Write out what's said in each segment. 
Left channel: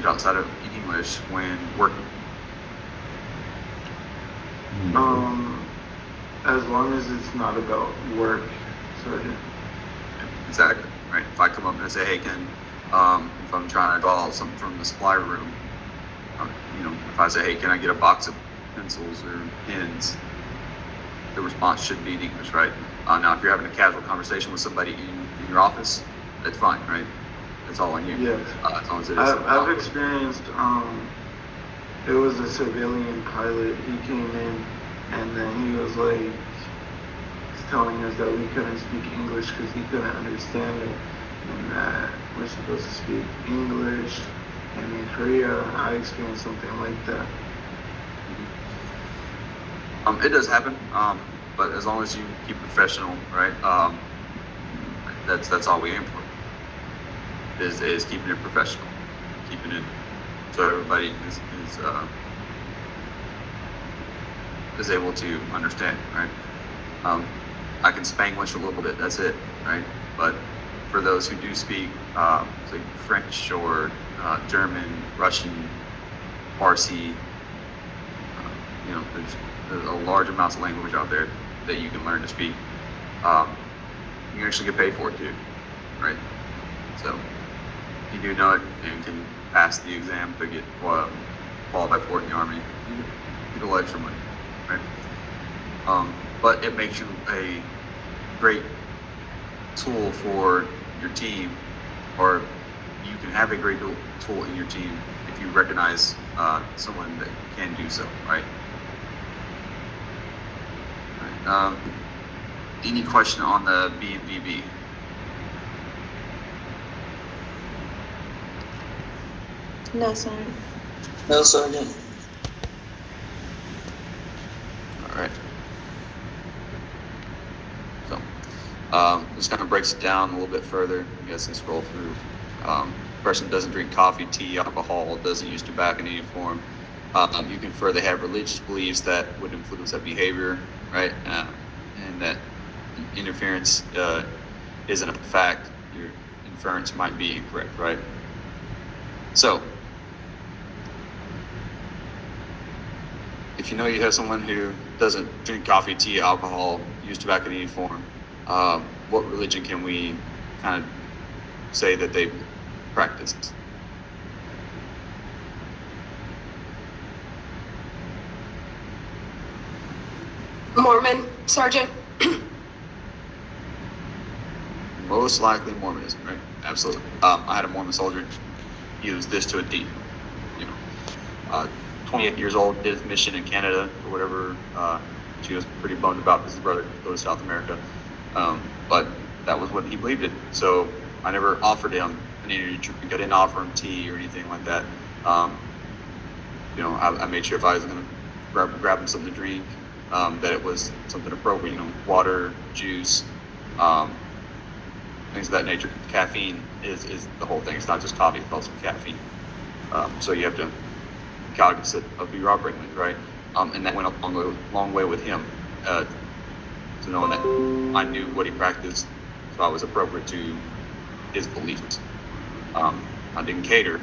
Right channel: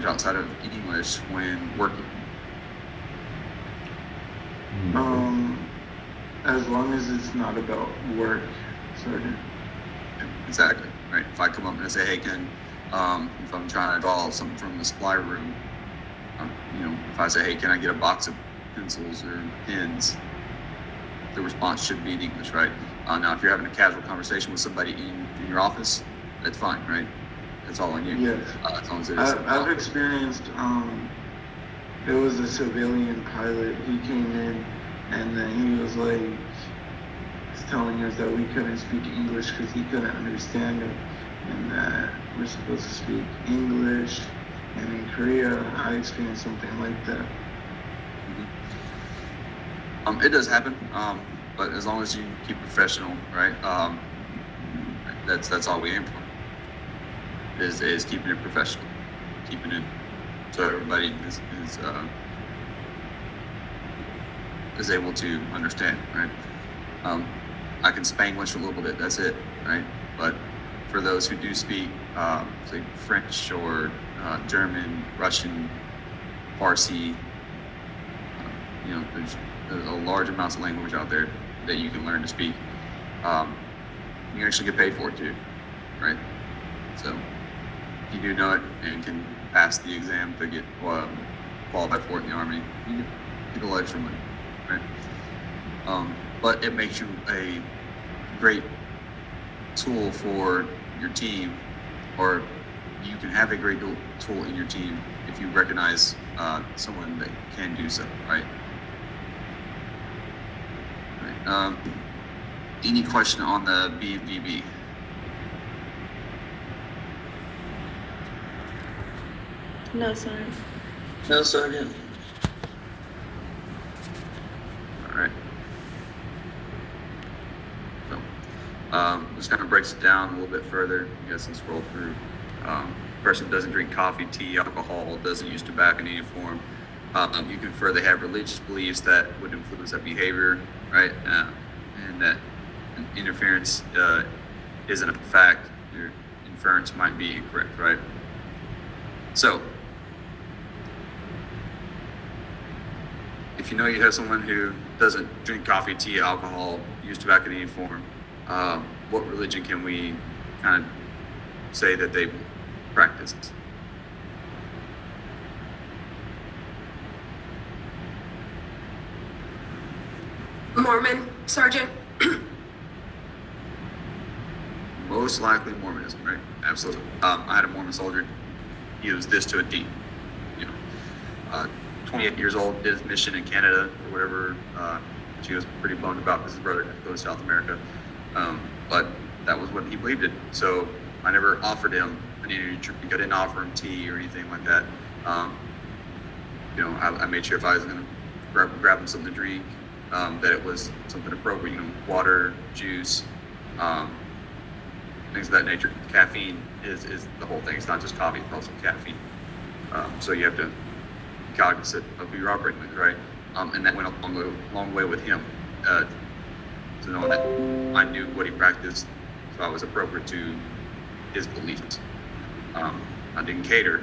language outside of English when working? As long as it's not about work, so Exactly, right? If I come up and I say, hey, Ken, if I'm trying to draw something from the supply room, if I say, hey, can I get a box of pencils or pens? The response should be in English, right? Now, if you're having a casual conversation with somebody in your office, that's fine, right? It's all on you. yes. As long as it is. I've experienced. It was a civilian pilot. He came in, and then he was like telling us that we couldn't speak English because he couldn't understand it, and that we're supposed to speak English. And in Korea, I experienced something like that. It does happen, but as long as you keep professional, right? That's all we aim for. Is keeping it professional, keeping it so everybody is able to understand, right? I can Spanglish a little bit. That's it, right? But for those who do speak, say French or German, Russian, Farsi, there's a large amounts of language out there that you can learn to speak. You can actually get paid for it too, right? So if you do know it and can pass the exam to get qualified for it in the Army, you get a lot extra money, right? But it makes you a great tool for your team, or you can have a great tool in your team if you recognize someone that can do so, right? Any question on the BVB? No, Sergeant. No, Sergeant. All right. So this kind of breaks it down a little bit further. I guess and scroll through. Person doesn't drink coffee, tea, alcohol, doesn't use tobacco in any form. You can further have religious beliefs that would influence that behavior, right? And that interference isn't a fact. Your inference might be incorrect, right? So, if you know you have someone who doesn't drink coffee, tea, alcohol, use tobacco in any form, what religion can we kind of say that they practice? Mormon, Sergeant. Most likely Mormonism, right? Absolutely. I had a Mormon soldier use this to a T. 28 years old, did his mission in Canada or whatever. She was pretty bummed about because his brother couldn't go to South America. But that was what he believed in. So I never offered him an energy drink. I didn't offer him tea or anything like that. I made sure if I was going to grab him something to drink, that it was something appropriate, water, juice, things of that nature. Caffeine is the whole thing. It's not just coffee, it's also caffeine. So you have to be cognizant of who you're operating with, right? And that went a long way with him, to knowing that I knew what he practiced, so I was appropriate to his beliefs. I didn't cater,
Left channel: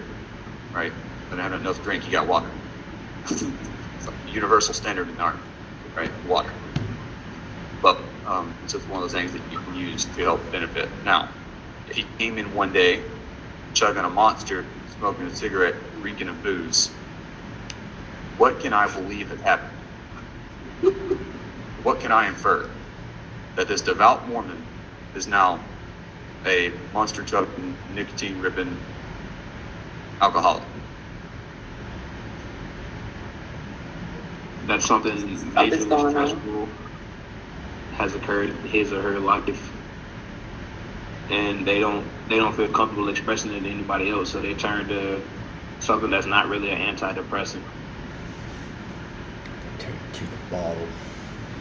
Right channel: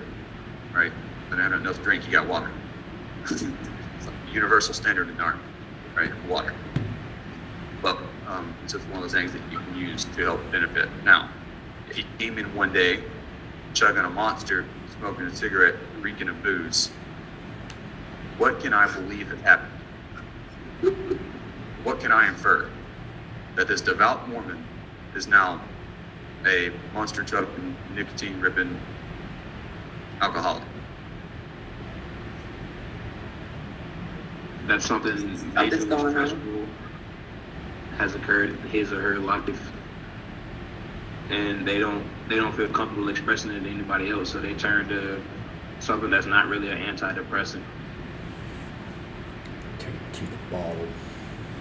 right? I didn't have enough to drink, he got water. It's like a universal standard in the Army, right? Water. But it's just one of those things that you can use to help benefit. Now, if he came in one day, chugging a Monster, smoking a cigarette, reeking of booze, what can I believe had happened? What can I infer? That this devout Mormon is now a Monster chugging, nicotine ripping alcoholic. That's something maybe stressful has occurred in his or her life, and they don't feel comfortable expressing it to anybody else, so they turn to something that's not really an antidepressant. Turn to the bottle.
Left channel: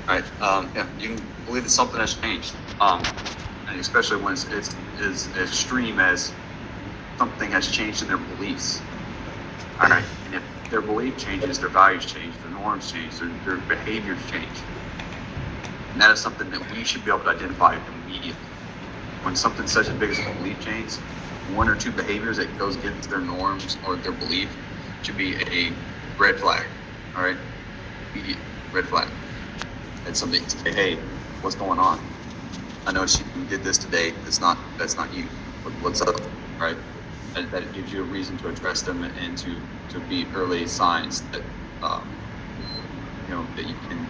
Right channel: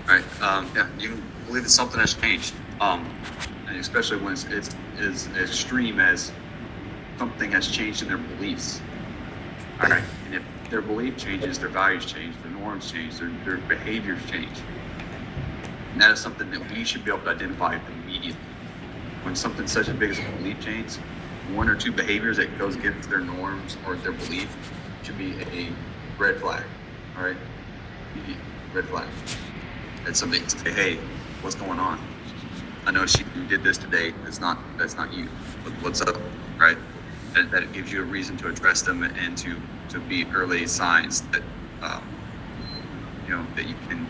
Right. Yeah, you can believe that something has changed. And especially when it's as extreme as something has changed in their beliefs. And if their belief changes, their values change, their norms change, their behaviors change. And that is something that we should be able to identify immediately. When something such as big as a belief change, one or two behaviors that goes against their norms or their belief should be a red flag. All right, immediate red flag. That's something to say, hey, what's going on? I noticed you did this today. That's not you. What's up, right? That it gives you a reason to address them and to be early signs that that you can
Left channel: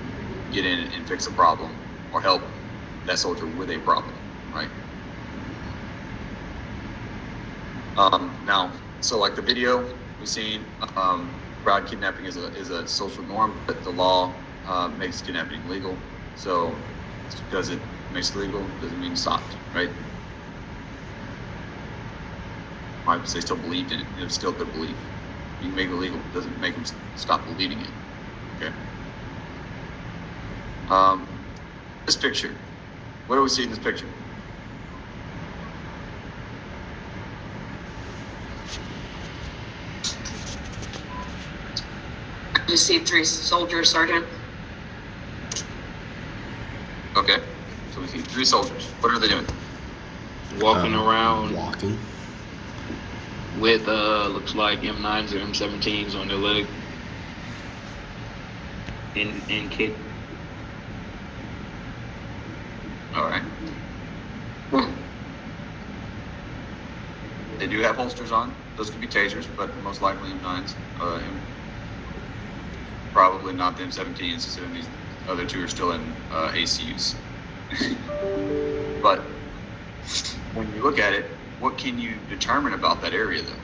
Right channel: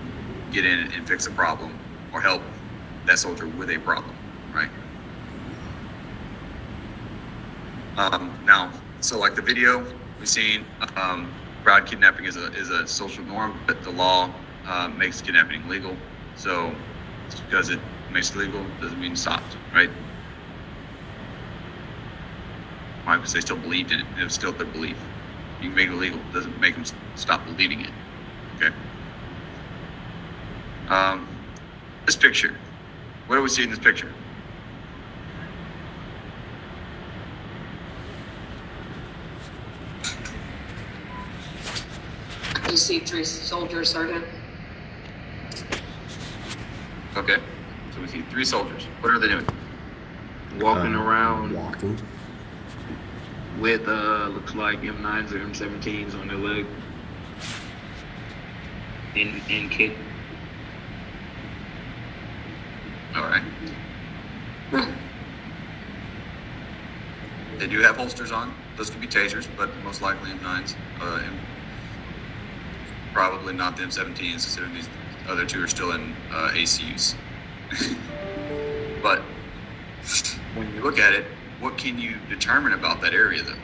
get in and fix a problem or help that soldier with a problem, right? Now, so like the video we've seen, crowd kidnapping is a social norm, but the law makes kidnapping legal. So just because it makes it legal doesn't mean it's stopped, right? Why? Because they still believed in it. It was still their belief. You can make it illegal, doesn't make them stop believing it. Okay. This picture. What do we see in this picture? I just see 3 soldiers, Sergeant. Okay. So we see 3 soldiers. What are they doing? Walking around Walking. with looks like M9s or M17s on their leg. And kick. All right. They do have holsters on. Those could be tasers, but most likely M9s. Probably not the M17s, considering these other 2 are still in ACUs. But when you look at it, what can you determine about that area, though?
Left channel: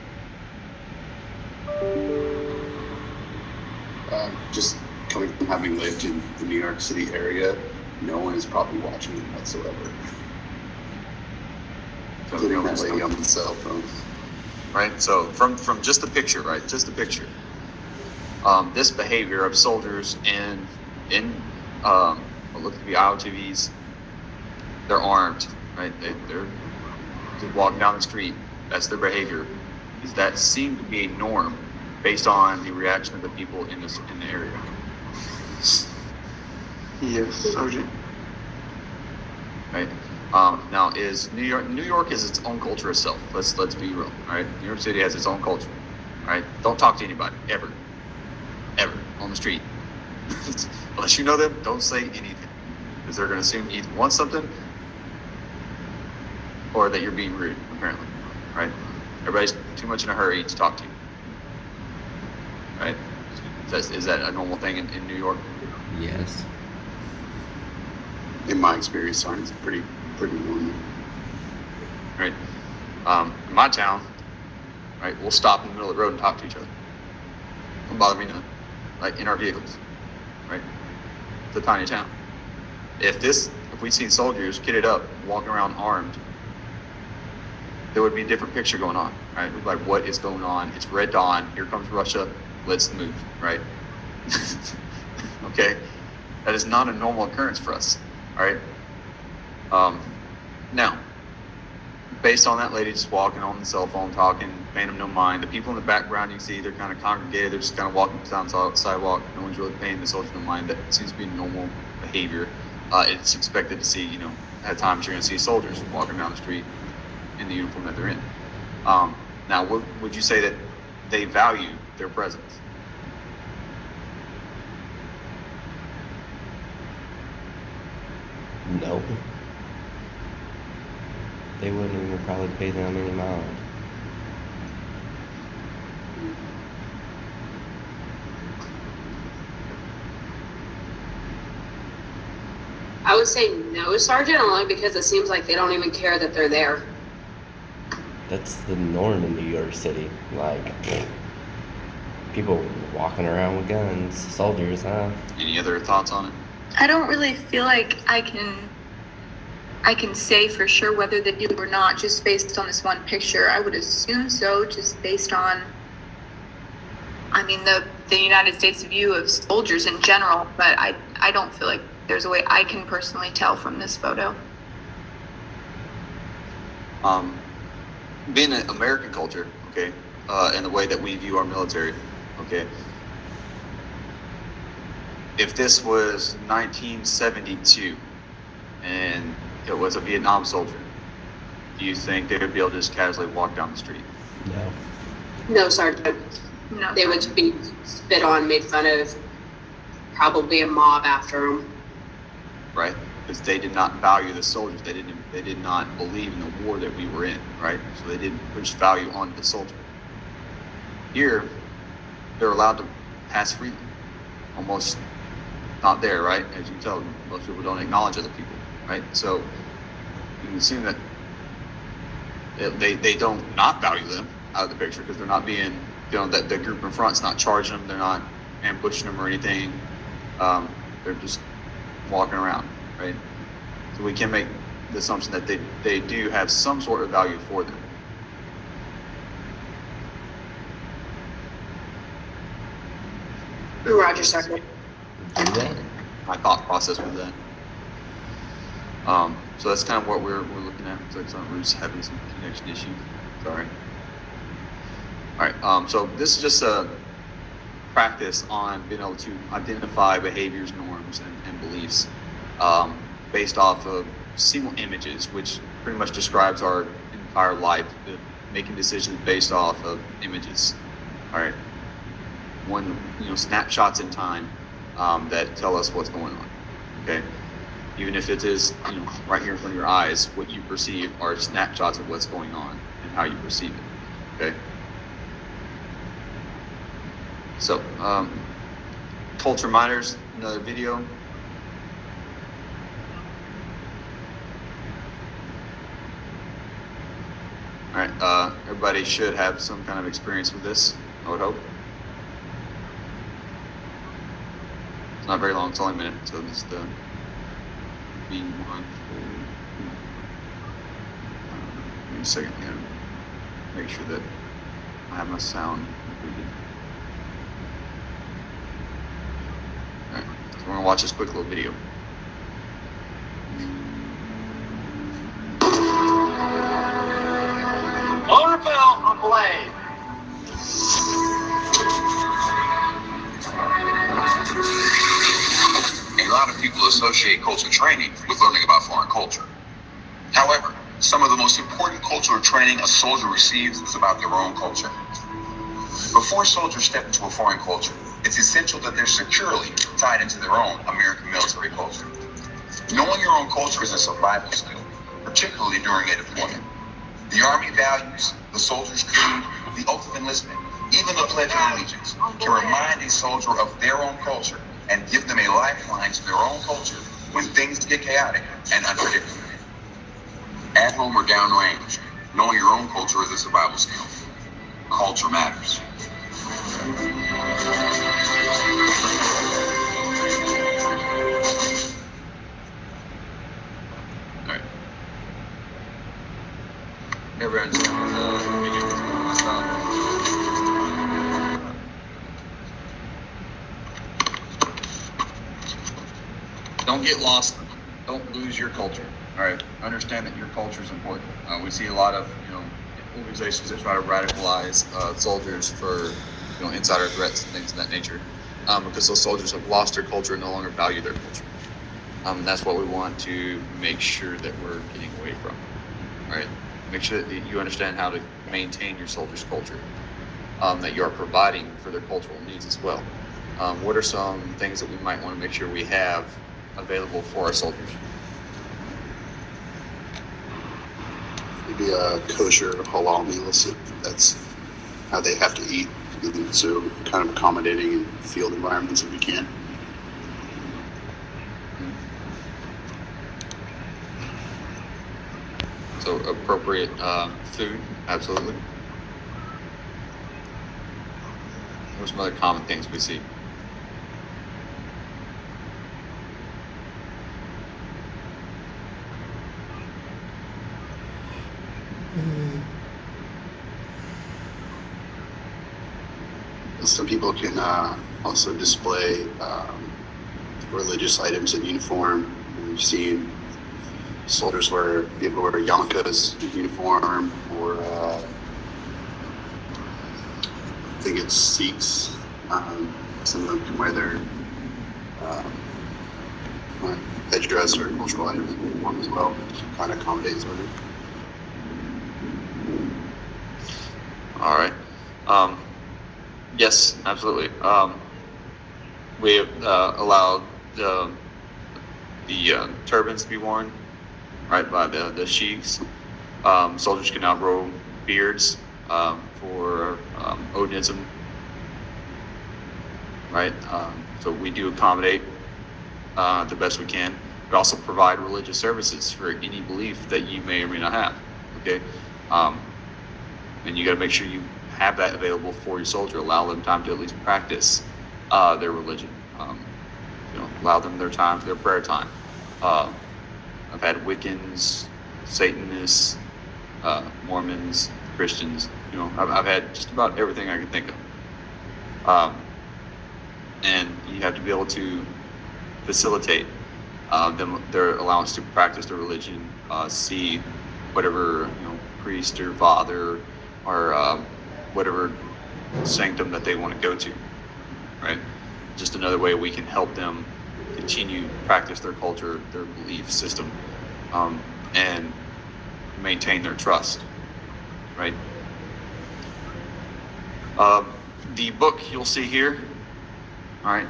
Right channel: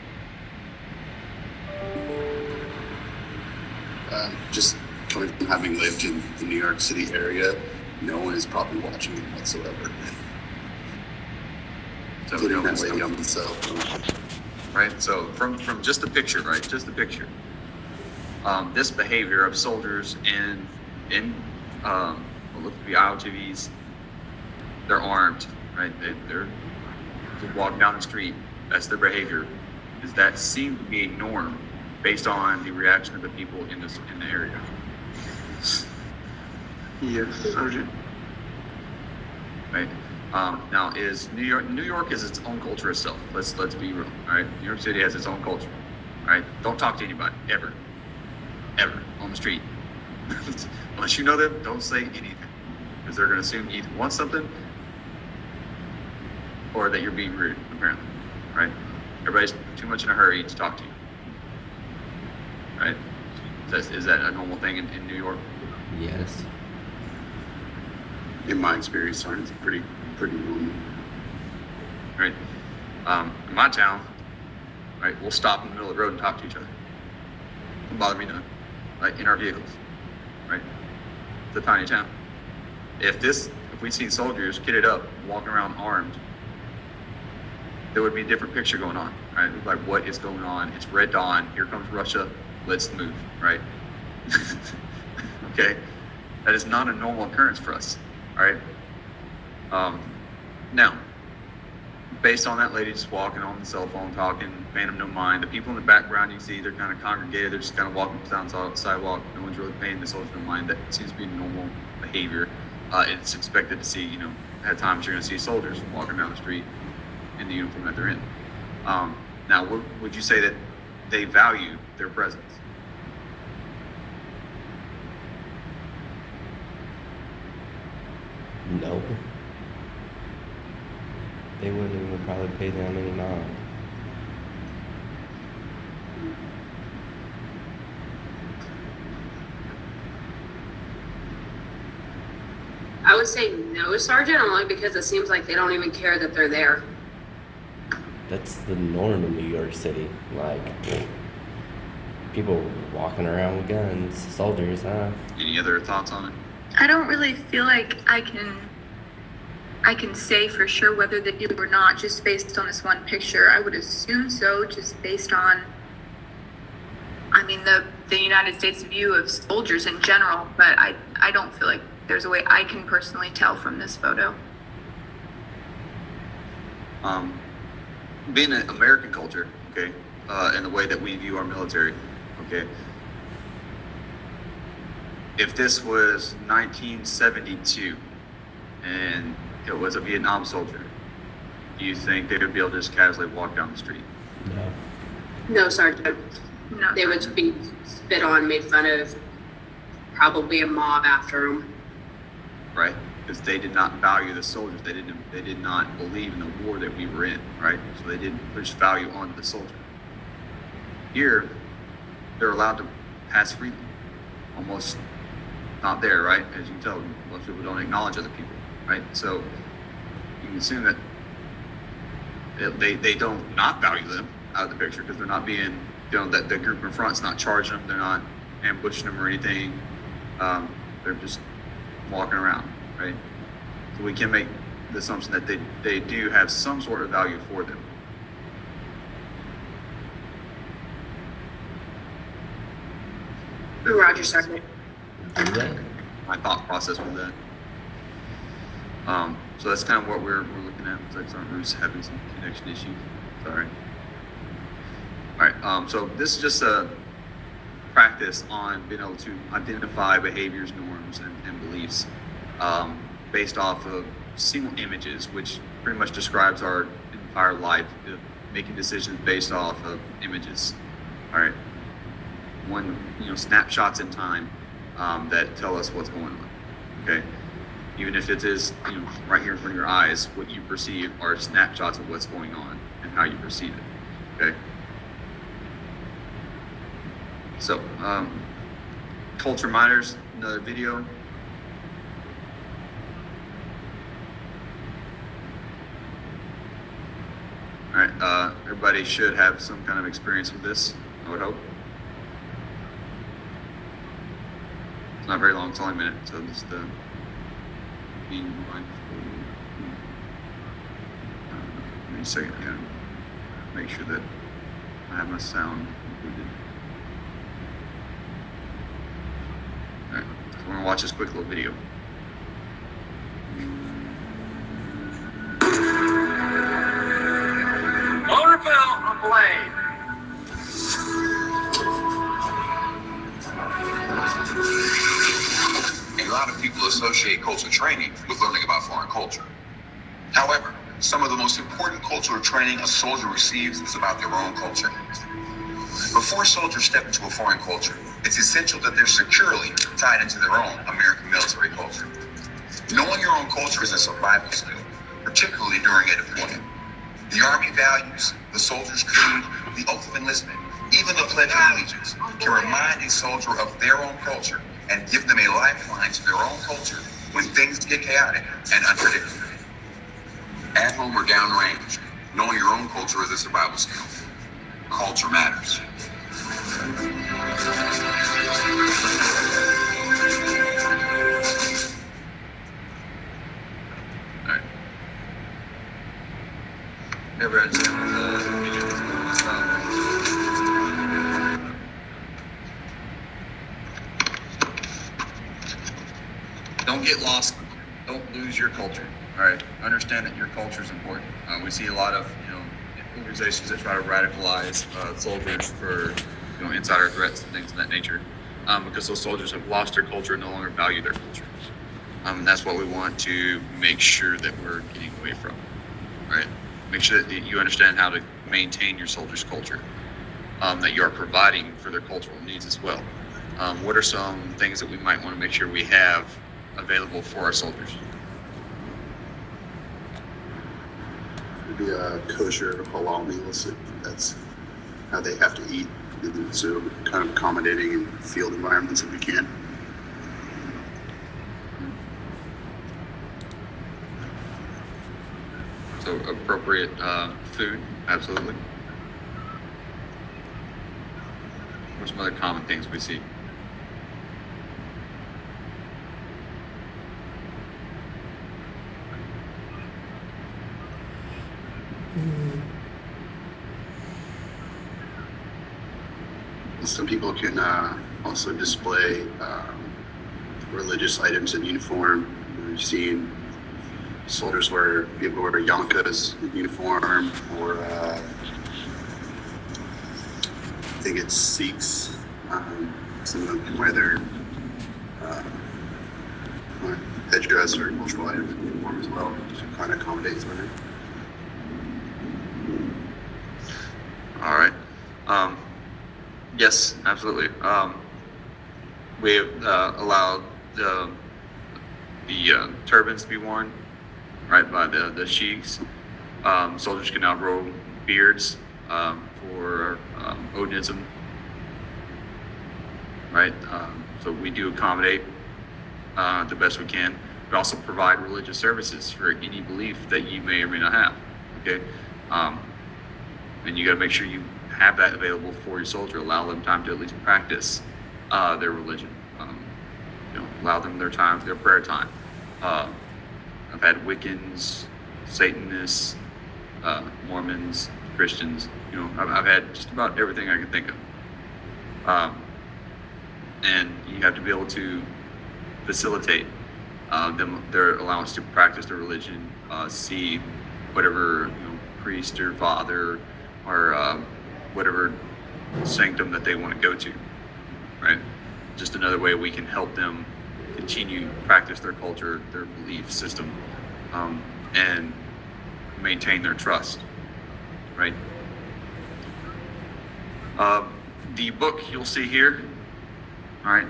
Just coming from having lived in the New York City area, no one is probably watching them whatsoever. So, Including that lady on the cell phone. right? So from just the picture, right? Just the picture. This behavior of soldiers in what look to be IOTVs, they're armed, right? They're just walking down the street. That's their behavior. Does that seem to be a norm based on the reaction of the people in the area? Yes, Sergeant. Right. Now, is New York is its own culture itself. Let's be real. All right. New York City has its own culture. All right. Don't talk to anybody ever on the street unless you know them. Don't say anything because they're going to assume you either want something or that you're being rude. Apparently, right? Everybody's too much in a hurry to talk to you. Right? Is that a normal thing in New York? Yes. In my experience, Sergeant, it's pretty normal. Right. In my town, right, we'll stop in the middle of the road and talk to each other. Don't bother me none. Like in our vehicles, right? It's a tiny town. If we seen soldiers kitted up, walking around armed, there would be a different picture going on, right? We'd be like, what is going on? It's Red Dawn. Here comes Russia. Let's move, right? Okay. That is not a normal occurrence for us, all right? Now, based on that lady just walking on the cell phone, talking, paying them no mind, the people in the background you see, they're kind of congregated, they're just kind of walking down the sidewalk, no one's really paying the soldiers no mind. That seems to be normal behavior. It's expected to see, at times you're going to see soldiers walking down the street in the uniform that they're in. Now, would you say that they value their presence? No. They wouldn't even probably pay them any mind. I would say no, Sergeant, only because it seems like they don't even care that they're there. That's the norm in New York City. Like, people walking around with guns, soldiers, huh? Any other thoughts on it? I don't really feel like I can say for sure whether they do or not just based on this one picture. I would assume so, just based on, the United States view of soldiers in general, but I don't feel like there's a way I can personally tell from this photo. Being an American culture, okay, and the way that we view our military, okay. If this was 1972 and it was a Vietnam soldier, do you think they would be able to just casually walk down the street? No. No, Sergeant. No. They would be spit on, made fun of, probably a mob after them. Right? Because they did not value the soldiers. They did not believe in the war that we were in, right? So they didn't push value on the soldier. Here, they're allowed to pass freely. Almost not there, right? As you can tell, most people don't acknowledge other people, right? So you can assume that they don't not value them out of the picture because they're not being, that the group in front's not charging them, they're not ambushing them or anything. They're just walking around, right? So we can make the assumption that they do have some sort of value for them. Roger, Sergeant. Do that. My thought process with that. So that's kind of what we're looking at. It's like Ruth's having some connection issues. Sorry. All right. So this is just a practice on being able to identify behaviors, norms, and beliefs based off of single images, which pretty much describes our entire life, making decisions based off of images. All right. Snapshots in time that tell us what's going on. Okay. Even if it is, right here in front of your eyes, what you perceive are snapshots of what's going on and how you perceive it. Okay. So, culture minors, another video. All right. Everybody should have some kind of experience with this, I would hope. It's not very long, it's only a minute, so just be mindful. Give me a second here. Make sure that I have my sound completed. Alright, so we're gonna watch this quick little video. Motorville on Blade. A lot of people associate culture training with learning about foreign culture. However, some of the most important cultural training a soldier receives is about their own culture. Before soldiers step into a foreign culture, it's essential that they're securely tied into their own American military culture. Knowing your own culture is a survival skill, particularly during a deployment. The Army values, the soldier's creed, the oath of enlistment, even the Pledge of Allegiance can remind a soldier of their own culture and give them a lifeline to their own culture when things get chaotic and unpredictable. At home or downrange, knowing your own culture is a survival skill. Culture matters. All right. Never understand what the video is about. Don't get lost. Don't lose your culture. All right. Understand that your culture is important. We see a lot of organizations that try to radicalize soldiers for insider threats and things of that nature, because those soldiers have lost their culture and no longer value their culture. And that's what we want to make sure that we're getting away from. All right. Make sure that you understand how to maintain your soldiers' culture, that you are providing for their cultural needs as well. What are some things that we might want to make sure we have available for our soldiers? Maybe a kosher halal meal. That's how they have to eat. And so kind of accommodating in field environments if we can. So appropriate food, absolutely. What are some other common things we see? Some people can also display religious items in uniform. We've seen soldiers people wear yarmulkes in uniform, or I think it's Sikhs. Some of them can wear their headdress or cultural items in uniform as well, which kind of accommodates everything. Yes, absolutely. We have allowed the turbans to be worn, right, by the sheiks. Soldiers can now grow beards for Odinism, right? So we do accommodate the best we can. We also provide religious services for any belief that you may or may not have. Okay, and you got to make sure you have that available for your soldier. Allow them time to at least practice their religion. Allow them their time, their prayer time. I've had Wiccans, Satanists, Mormons, Christians. I've had just about everything I can think of. And you have to be able to facilitate them their allowance to practice their religion, see whatever priest or father or whatever sanctum that they want to go to, right? Just another way we can help them continue to practice their culture, their belief system, and maintain their trust, right? The book you'll see here, right,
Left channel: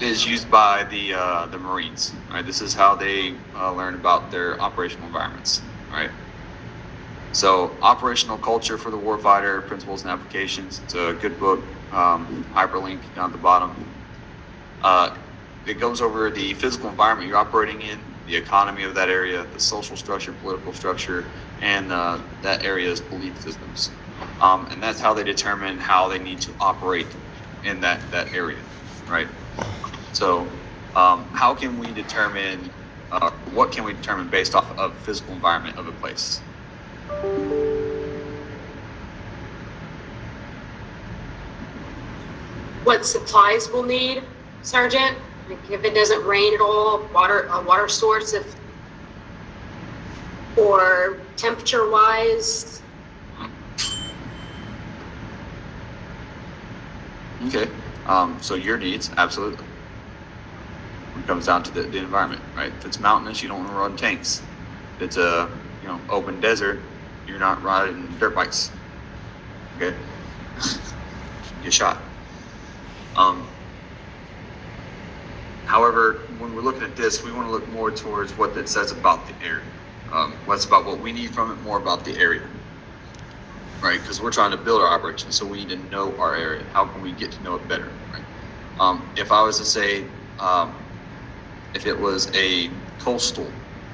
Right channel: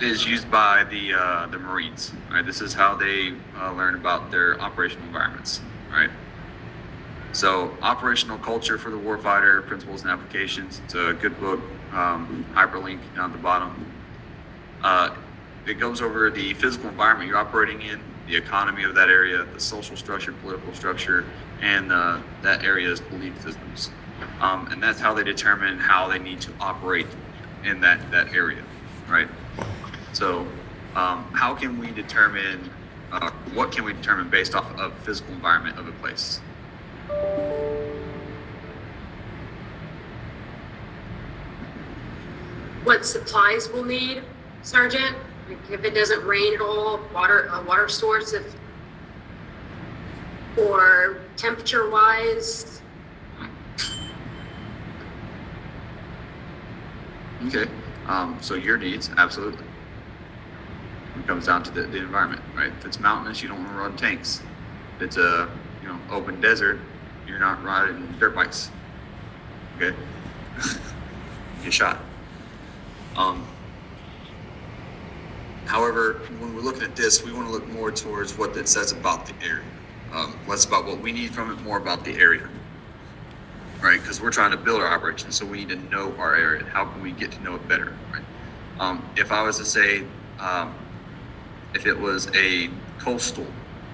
is used by the Marines, right? This is how they learn about their operational environments, right? So, Operational Culture for the Warfighter, Principles and Applications. It's a good book, hyperlink down at the bottom. It goes over the physical environment you're operating in, the economy of that area, the social structure, political structure, and that area's belief systems. And that's how they determine how they need to operate in that area, right? So, how can we determine, what can we determine based off of physical environment of a place? What supplies we'll need, Sergeant? If it doesn't rain at all, a water source, or temperature-wise. Okay, so your needs, absolutely. It comes down to the environment, right? If it's mountainous, you don't want to run tanks. If it's a open desert, you're not riding dirt bikes. Okay, get shot. However, when we're looking at this, we want to look more towards what it says about the area. Less about what we need from it, more about the area, right? Because we're trying to build our operation, so we need to know our area. How can we get to know it better, right? If I was to say, if it was a coastal,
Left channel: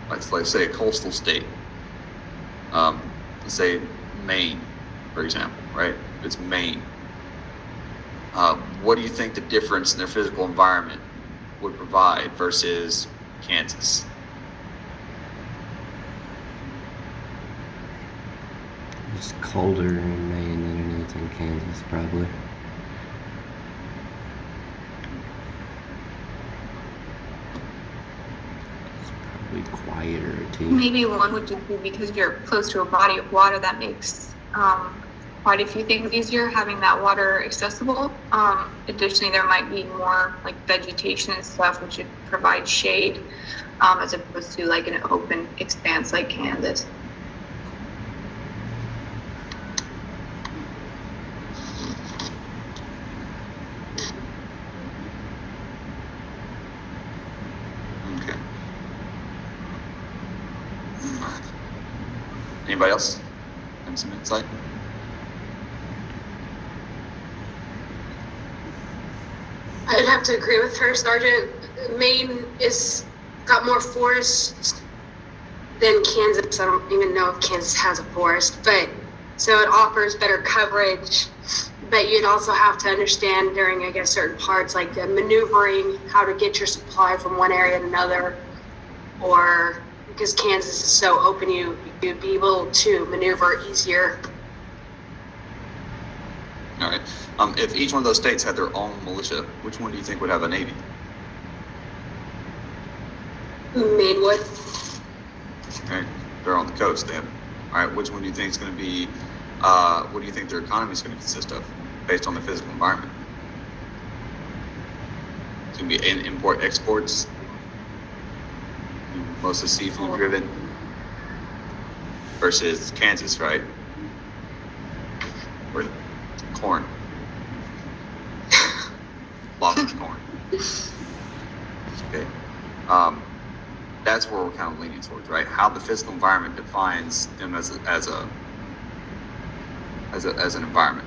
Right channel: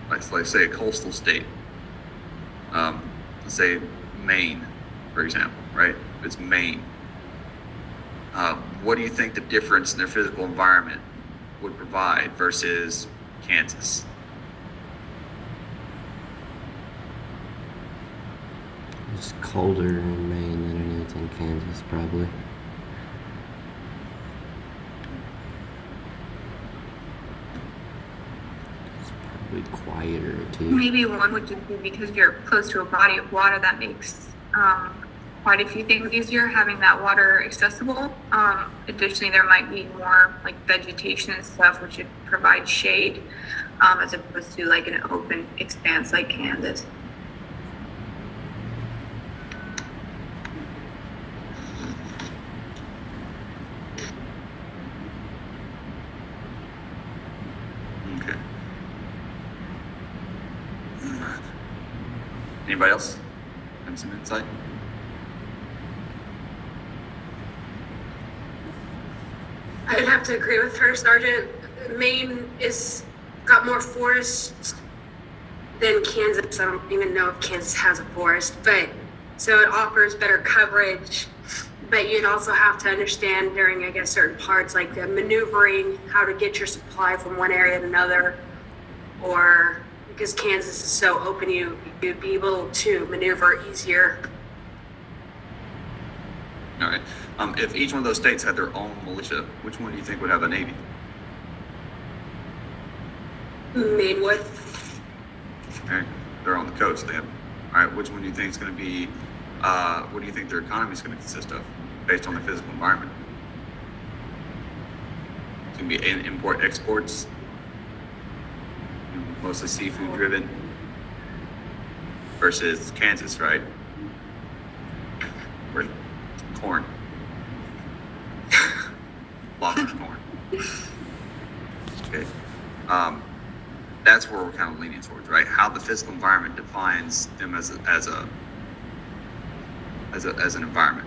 let's say a coastal state, let's say Maine, for example, right? If it's Maine, what do you think the difference in their physical environment would provide versus Kansas? It's colder in Maine than it is in Kansas, probably. It's probably quieter too. Maybe one would just be because you're close to a body of water that makes quite a few things easier, having that water accessible. Additionally, there might be more like vegetation and stuff, which would provide shade, as opposed to like an open expanse like Kansas. Okay. Anybody else have some insight? I'd have to agree with her, Sergeant. Maine is got more forests than Kansas. I don't even know if Kansas has a forest, but so it offers better coverage. But you'd also have to understand during, I guess, certain parts like maneuvering, how to get your supply from one area to another, or because Kansas is so open, you'd be able to maneuver easier. All right. If each one of those states had their own militia, which one do you think would have a navy? Maine would. Okay. They're on the coast. They have. All right. Which one do you think is going to be? What do you think their economy is going to consist of, based on their physical environment? It's going to be import exports, mostly seafood driven, versus Kansas, right? corn. Lobster's corn. Okay. That's where we're kind of leaning towards, right? How the physical environment defines them as an environment.